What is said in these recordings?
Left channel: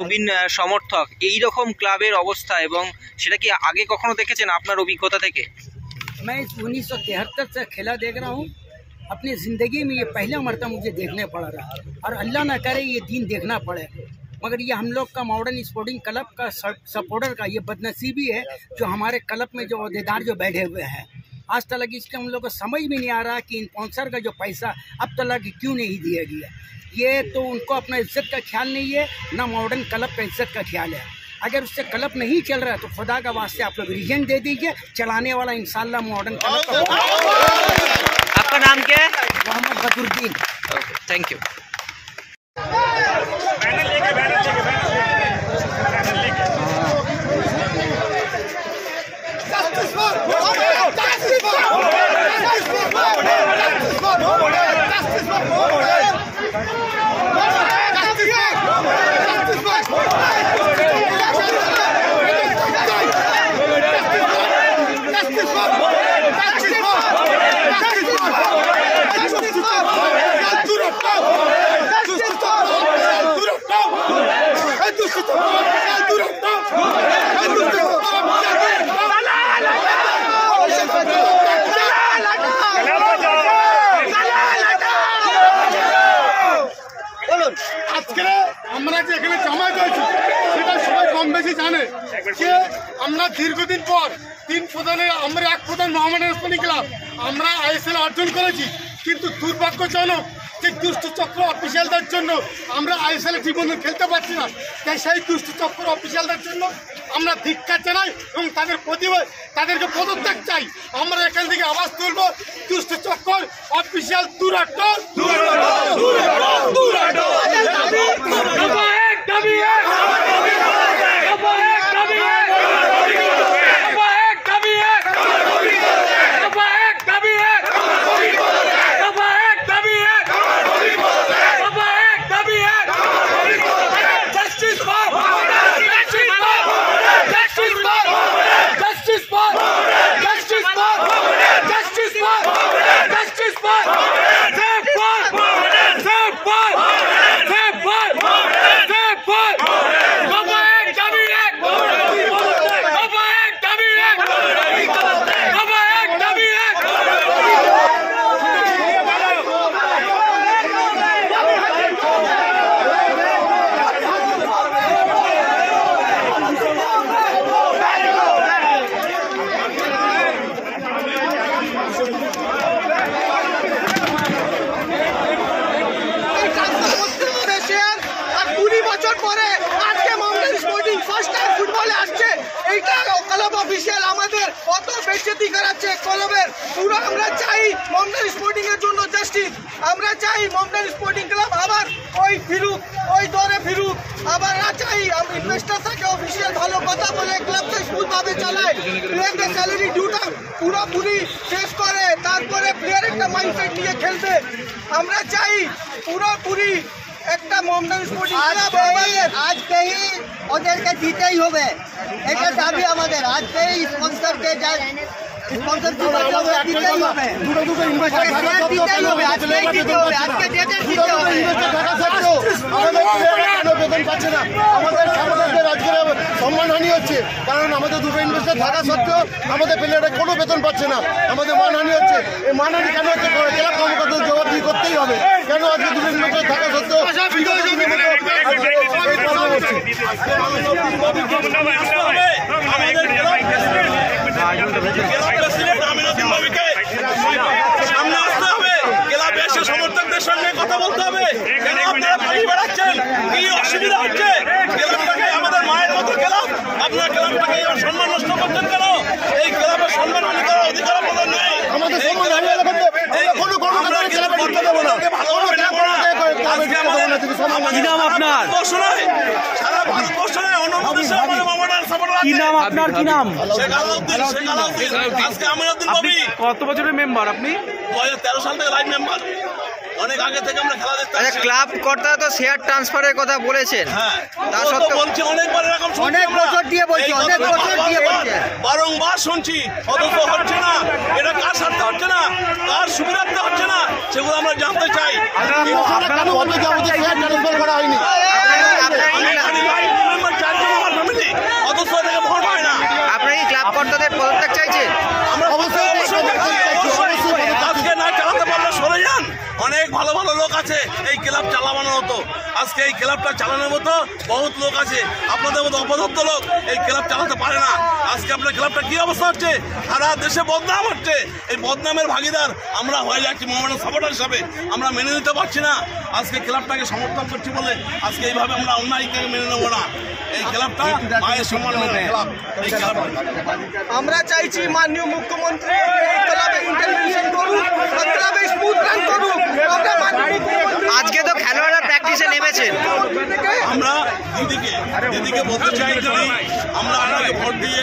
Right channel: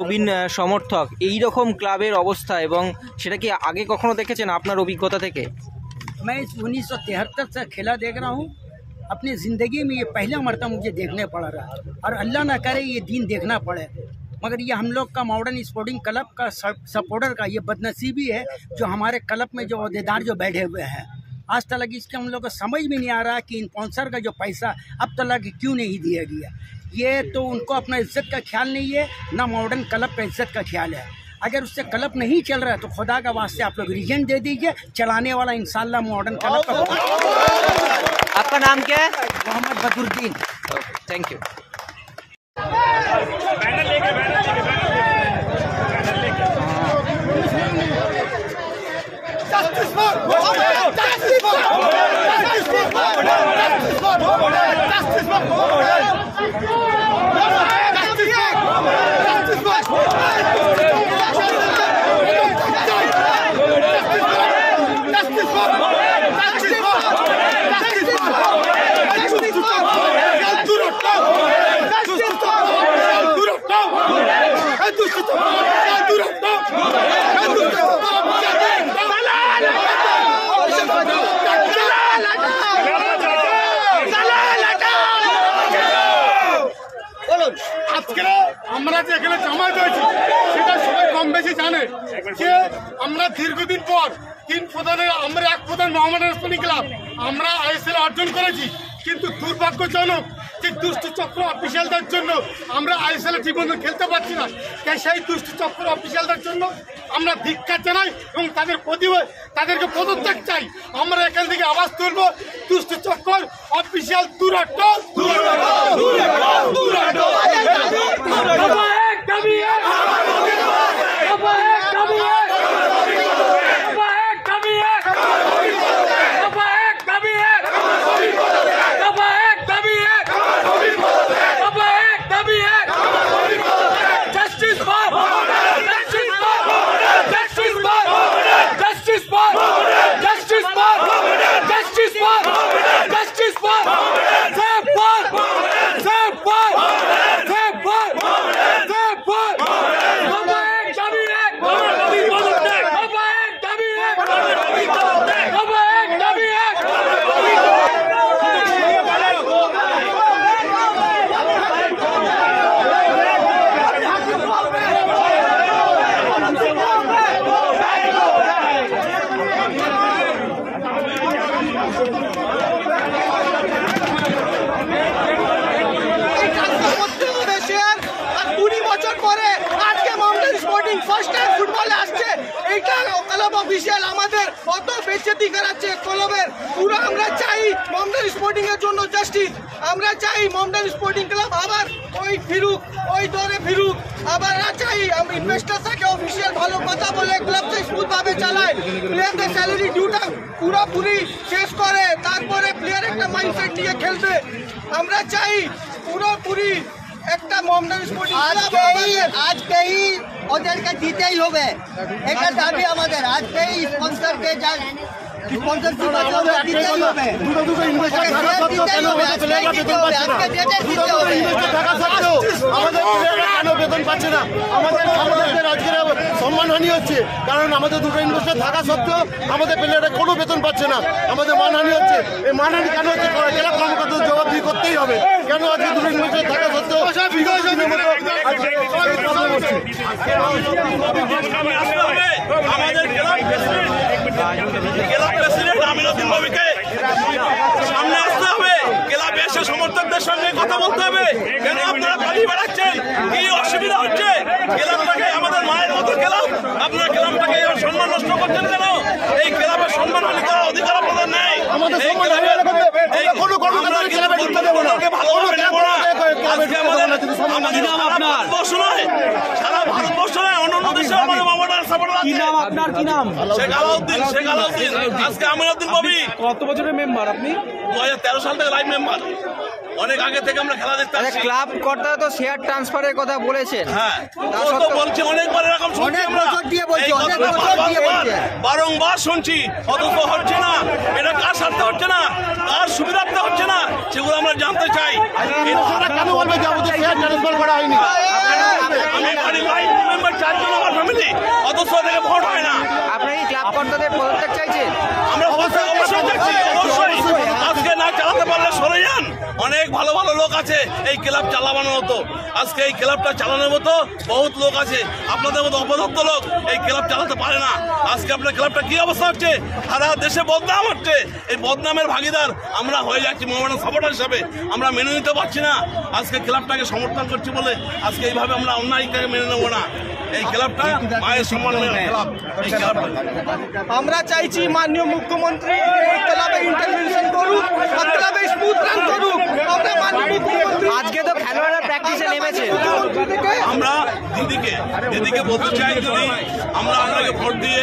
নবীন সমর্থক এই রকম ক্লাবের অবস্থা এবং সেটা কি আগে কখনো দেখেছেন আপনার অভিজ্ঞতা থেকে? मैं 1973 से खेला देख रहा हूँ। अपनी ज़िंदगी में ये पहला मरतबा मुझे देखने पड़ रहा है और अल्लाह ना करे ये दिन देखना पड़े। मगर ये हम लोग का मॉडर्न स्पोर्टिंग क्लब का सपोर्टर का ये बदनसीबी है जो हमारे क्लब में जो अहदेदार जो बैठे हुए हैं। आज तक इसके हम लोग को समझ में नहीं आ रहा कि इन स्पॉन्सर का जो पैसा अब तक क्यों नहीं दिया गया। ये तो उनको अपना इज्जत का ख्याल नहीं है, ना मॉडर्न क्लब का इज्जत का ख्याल है। अगर उससे क्लब नहीं चल रहा है तो खुदा का वास्ते आप लोग रीजन दे दीजिए, चलाने वाला इंशाल्लाह मॉडर्न क्लब का। आपका नाम क्या है? Mohammad Badruddin. Okay, thank you. আজকে আমরা যে এখানে জামায়াত হয়েছি সেটা সবাই কম বেশি জানে যে আমরা দীর্ঘদিন পর তিন প্রধানের আমরা এক প্রধান মোহামেডান স্পোর্টিং ক্লাব আমরা আইএসএল অর্জন করেছি, কিন্তু দুর্ভাগ্যজনক যে দুষ্ট চক্র অফিসিয়ালদের জন্য আমরা আইএসএল জীবনে খেলতে পারছি না। তাই সেই দুষ্ট চক্র অফিসিয়ালদের জন্য আমরা ধিক্কার জানাই এবং তাদেরকে পদত্যাগ চাই। আমরা এখান থেকে আওয়াজ তুলব, দুষ্ট চক্র অফিসিয়াল দূরত্ব অফিসিয়াল আমাদের কত বেজ্জতি করাচ্ছে ক্লাবের। পুরো আমরা চাই মোহামেডান স্পোর্টিং এর জন্য জাস্টিস। আমরা চাই মোহামেডান স্পোর্টিং ক্লাব আবার ওই ফিরুক, ওই দৌড়ে ফিরুক। আবার না চাই আমি ইনভেস্টর থেকে অফিসিয়াল ভালো কথা বলে ক্লাবকে স্মুথ ভাবে চালায়, প্লেয়ারদের স্যালারি ডিউটা পুরোপুরি শেষ করে তারপরে প্লেয়ার একটা মাইন্ডসেট নিয়ে খেলবে। আমরা চাই পুরোপুরি একটা মোহামেডান স্পোর্টিং ক্লাব আজকেই ওদেরকে দিতেই হবে, এটা দাবি আমাদের। আজকেই স্পন্সরকে যা স্পন্সরশিপ আছে ওদের দিতেই হবে। আমাদের প্লেয়াররা কেন বেতন পাচ্ছে না? আমাদের সাংবাদিকদের আজকের সম্মানহানি হচ্ছে, কারণ আমাদের দুটো ইনভেস্টর থাকা সত্ত্বেও আমাদের প্লেয়াররা কোনো বেতন পাচ্ছে না। আমাদের মানহানি হচ্ছে। এই মানহানি কেন হচ্ছে? জেলা কর্মকর্তার জবাবদিহি করতেই হবে। কেন আজকে দুটো ইনভেস্টর থাকা সত্ত্বেও বিগত দিনের মতো আজকে এই প্রবলেম হচ্ছে? আমাদের ক্লাব প্রেসিডেন্ট আমিনুদ্দিন নবীকে সামনে আসতে হবে, ক্লাব এসে সমর্থকদের সঙ্গে কথা বলতে হবে। কেন আপনারা পালিয়ে বেড়াচ্ছেন? কি অসুবিধা হচ্ছে? ক্লাবটাকে আমাদের মায়ের মতো ক্লাব, আপনারা ক্লাবটাকে সম্মান নষ্ট করছেন কেন? এই ক্লাবের সম্মান হানি করার অধিকার আপনাদের নেই। আমাদের সম্মান হানি ভারতবর্ষ নয়, সারা ভারতবর্ষ নয়, অন্যান্য দেশে আমাদের মোহামেডান সাপোর্টার আছে। আপনার কি নাম? শেখ আলাউদ্দিন। আজকে আমিনুদ্দিন নবী। কত বছরের মেম্বার আপনি? 2013 সাল থেকে লাইভ মেম্বার। অনেক আগে থেকে আমরা খেলা দেখতে আসছি। ক্লাব কর্তারা তো শেয়ার ট্রান্সফারের কথা বলেছেন। হ্যাঁ, তা সত্ত্বেও বলছি অনেকবার এরকম শুনছি আমরা, বারংবার শুনছি, অথচ হচ্ছে না। এটা কার স্বার্থে হচ্ছে না, কার সুবিধার্থে হচ্ছে না, সেগুলো আমরা জানতে চাই। কেন বলবে যে আমাদের শেয়ার ট্রান্সফার করা হয়নি? আমি লাইভ চারজন আমার ফ্যামিলি, অথচ এটাকে ভোট হয় না। আপনারা কি ক্লাব কর্তাদের পদত্যাগ চাইছেন? আমরা অবশ্যই চাইছি, অবশ্যই। আজকে না চালাতে পারলে সরে যান। অনেক ভালো ভালো লোক আছে এই ক্লাব চালানোর মতো, আজকে এই ক্লাবটা চালানোর মতো বহুত লোক আছে। আপনাদের মতো অপদস্থ লোক এই ক্লাব চালাতে পারে না। আজকে আপনার ক্লাবটা কি অবস্থা হচ্ছে, সারা দেশে বদনাম হচ্ছে। এই বদনামের ভাগিদার আমরা হয়ে যাচ্ছি মোহামেডান সাপোর্টার হিসাবে। আমরা মেনে নিতে পারছি না। আজকে ক্লাবটাকে সমর্থন করছি বলে আজকে এইভাবে আমরা অন্যায়টাকে মেনে নেবো না। এই ক্লাবটা মায়ের সম্মান ক্লাব। আমরা চাইছি মাননীয় মুখ্যমন্ত্রী এই ক্লাবে ইন্টারভেনশন করুক, ক্লাবে স্মুথ রান করুক। আমরা মাননীয় মুখ্যমন্ত্রী, আজকে তো খেলোয়াড়রা প্র্যাকটিসে নেমেছেন, আমরা দিদিকে বলতে চাই, দিদি আমরা আপনাকে ভোট দিয়ে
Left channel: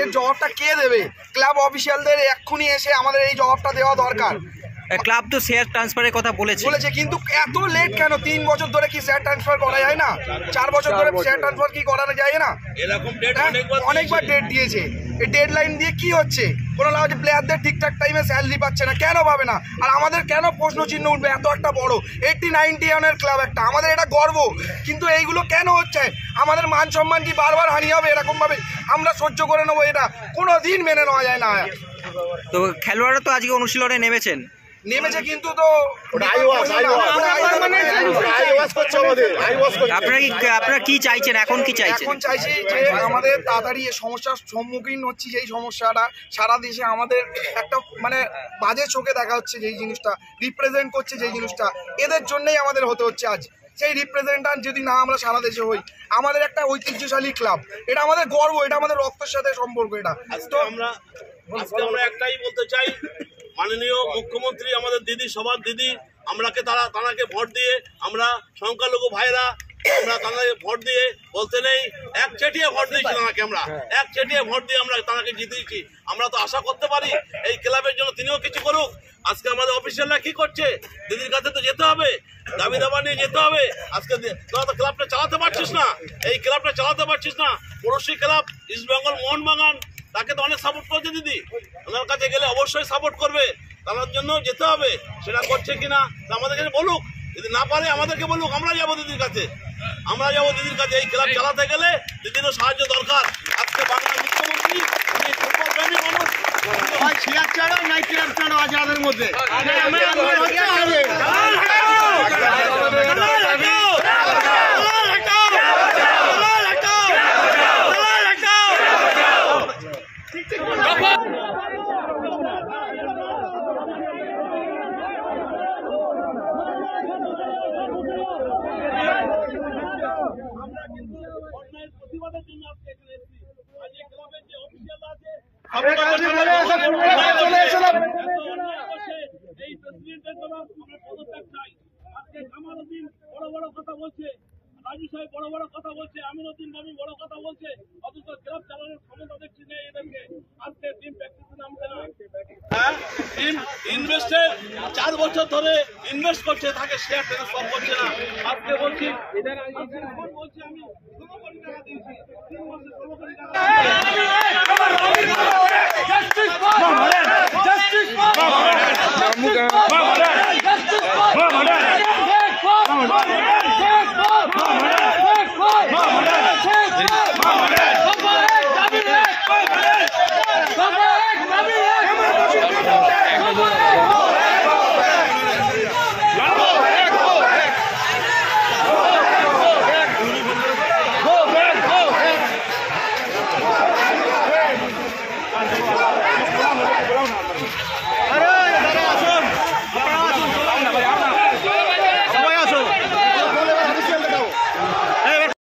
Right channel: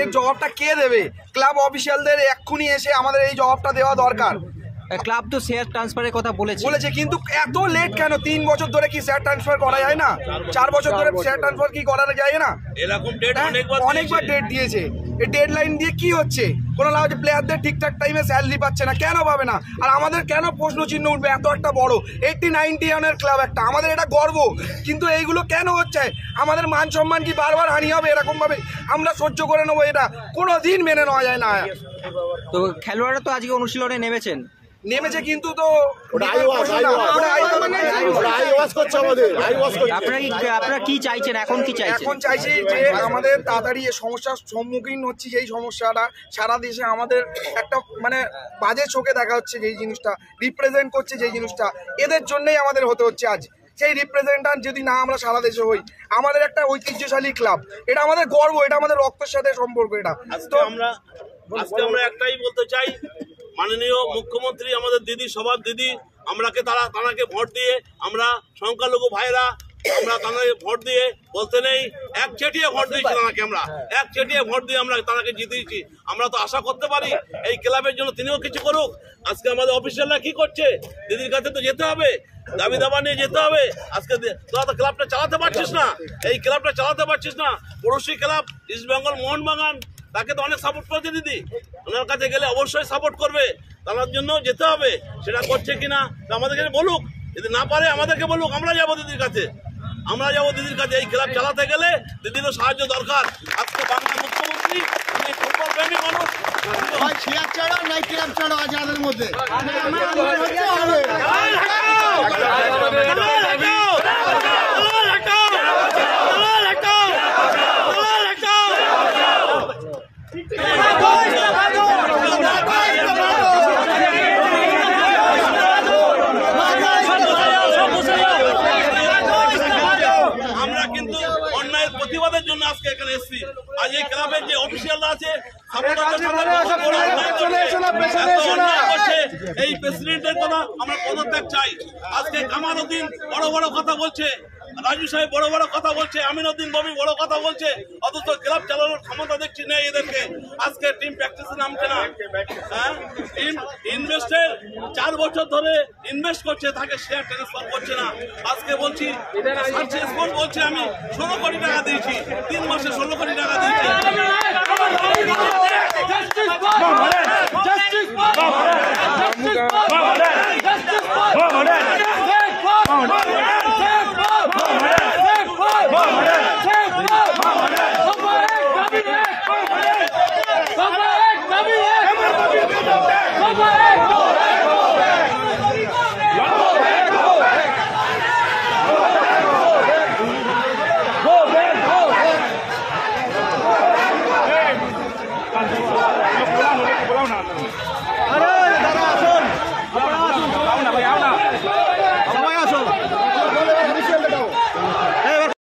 এর জবাবটা কে দেবে? ক্লাব অফিসিয়ালদের এক্ষুনি এসে আমাদের এই জবাবটা দেওয়া দরকার। ক্লাব তো শেয়ার ট্রান্সফারের কথা বলেছে, কিন্তু এত লেট কেন? 3 বছর ধরে কি শেয়ার ট্রান্সফার করা যায় না? 4 বছর ধরে শেয়ার ট্রান্সফার কি করা যায় না? এরকম ডেট অনেকবার ডেট দিয়েছে। এই ডেডলাইন দিয়ে কি হচ্ছে? কোনো লাভ হচ্ছে? প্লেয়ারদের ঠিকঠাক টাইমে স্যালারি পাচ্ছে না, কেন পাবে না? আর আমাদের কেন প্রশ্ন চিহ্ন উঠবে? এত একটা বড় 80-90 রানের ক্লাব একটা, আমাদের এটা গর্ব, কিন্তু এইগুলো কেন হচ্ছে? আমাদের মান সম্মান কি বারবার হানি হবে? এরকম ভাবে আমরা সহ্য করে নেবো? এটা কোনোদিন মেনে নেওয়া যায় না। তো খেলোয়াড়রা তো আজকে অনুশীলনে নেমেছে, কিন্তু তো আপনারা কি চাইছেন? এখন কি চাইছেন? এখন চাইছি যে আমাদের তাড়াতাড়ি এই সমস্যার সম্মুখীন হচ্ছি, যেই সমস্যাটা সারা দেশে আমাদের একটা মানে বাজে চোখে দেখা হচ্ছে, যেই জিনিসটা রিপ্রেজেন্ট করছে, যেই জিনিসটা এদের জন্যই আমাদের হতে হচ্ছে আজ। সেই রিপ্রেজেন্টেন্ট যদি না আমরা সারা দেশে হই, আমাদের একটা ঐতিহ্যশালী ক্লাব, এটা আমাদের গর্ব, এটা আমাদের রক্তের সাথে সম্পর্ক। এটা তো আমরা একটাই বলতে চাই, মাননীয় মুখ্যমন্ত্রী আমাদের দিদি, সবার দিদি, তাঁকে ভোট দিয়ে আমরা সংখ্যালঘু ভাইরা আমরা তাঁকে ভোট দিয়ে বলতে নেই, একচেটিয়া ভোট দিয়েছি তাঁকে, আমরা একচেটিয়া ভোট দিয়ে আমরা তাঁকে জিতিয়েছি। আমরা তো আশা করতে পারি এই ক্লাবের জন্য তিনিও কিছু করুক। আজকে আমাদের অফিসিয়ালরা কি করছে? দিদির কাছে তো যেতে হবে, দাবি দাবা নিয়ে যেতে হবে। আজকে তোরা তো ক্লাবটা চালাতে পারছিস না, এই ক্লাবটা চালাতে পারছিস না। পড়োশি ক্লাব ইস্ট বেঙ্গল মোহনবাগান, তাকে তো অনেক সাপোর্ট করেছে দিদি, ওনার কাছে গেলে অবশ্যই সাপোর্ট করবে, তার জন্য যেতে হবে। সেটা করছে কিনা আমাদের কাছে বলুক, যদি না পারে আমাদেরকে বলুক, আমরা যাবো দিদির কাছে, আমরা যাবো দিদির কাছে। এই ক্লাব চালাতে গেলে দিদিরও সাহায্য দরকার। আজকে বাংলার মুখ্যমন্ত্রী উনি ফুটবল প্রেমী মানুষ, মধ্যে প্রতিবাদের জন্য আজকে এখানে এসেছি। আজ এই ক্লাবের যে অফিসিয়ালরা আছে, এই প্রেসিডেন্টের কথা আমরা পদত্যাগ চাই। আজকে কামাল উদ্দিন বড় বড় কথা বলছে, রাজু সাহেব বড় বড় কথা বলছে, আমিনুদ্দিন ববি বড় কথা বলছে, অথচ ক্লাব চালানোর ক্ষমতা দেখছি না এদেরকে। আজকে টিম প্র্যাকটিসে নামছে না, হ্যাঁ, টিম ইনভেস্টের 4 বছর ধরে ইনভেস্ট করছে, তাকে শেয়ার ট্রান্সফার করছে না। আজকে বলছি বলছে আমি 16 কোটি টাকা দিয়েছি, 3 মাসে 16 কোটি টাকা দিয়েছি।